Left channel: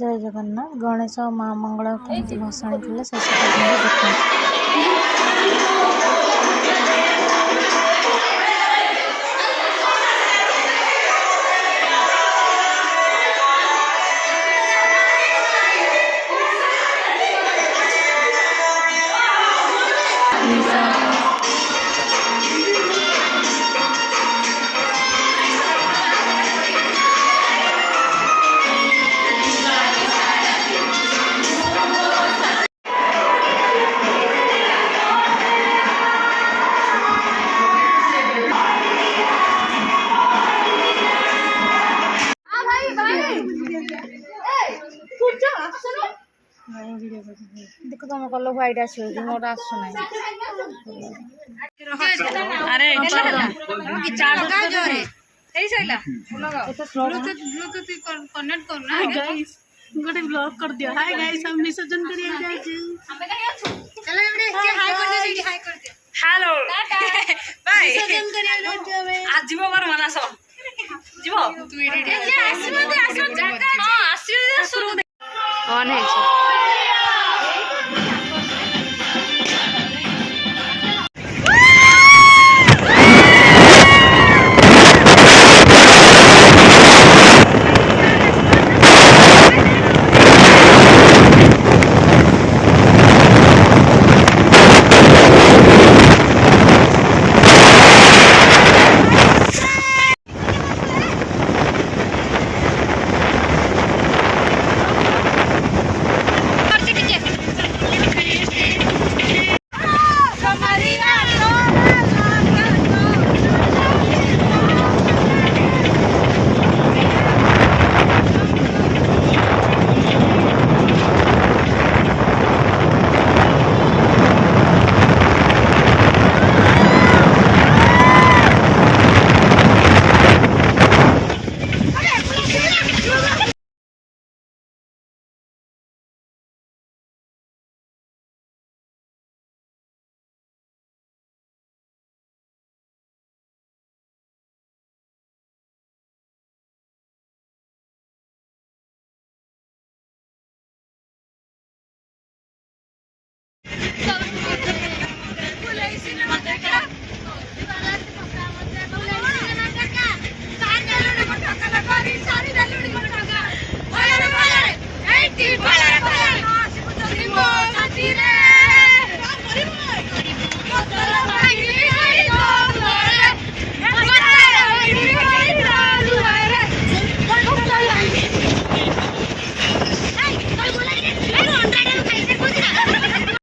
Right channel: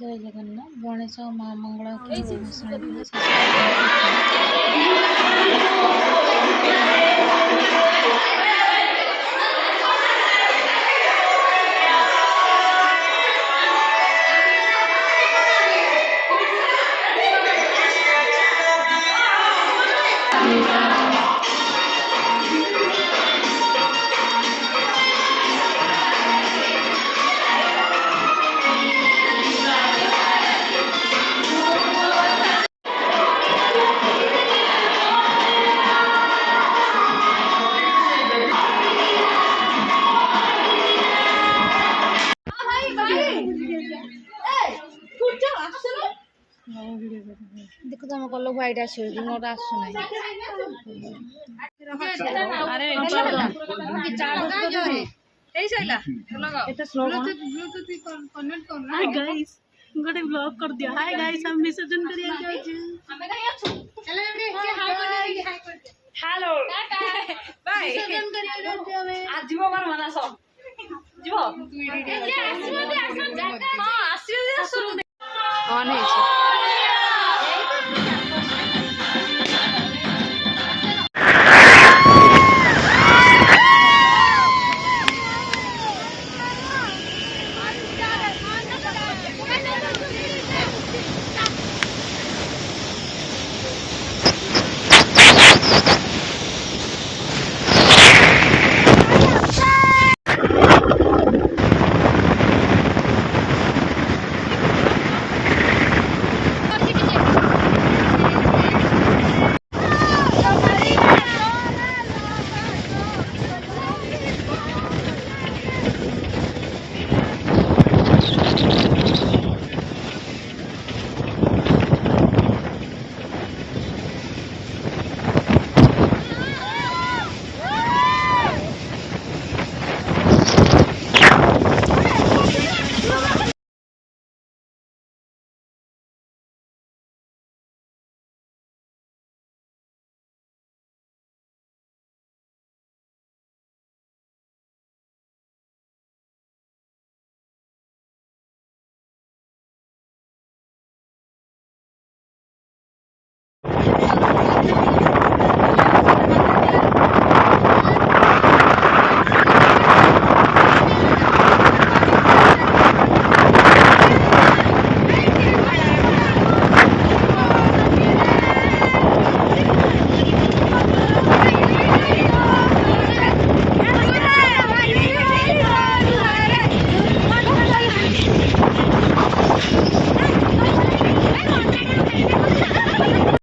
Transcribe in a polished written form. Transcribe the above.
जय जगन्नाथ। गणेश और माँ मंगला केमती भसाणी थे शेष देखते। देखो तुम कल व्हाइट आसो मोर आसु ना अरे कनेक्ट करना गाइस गोटे ब्लॉग कर दिया। हाय गाइस हम विसर्जन करिए गाइस चलो एबडे हाय कर दे हाय कर दे हेलो बाय विसर्जन करिए गाइस आज जीव बार मनासो जीव तू एडी आसो दे आसो जगह हां आसो दे शुरू ऑन है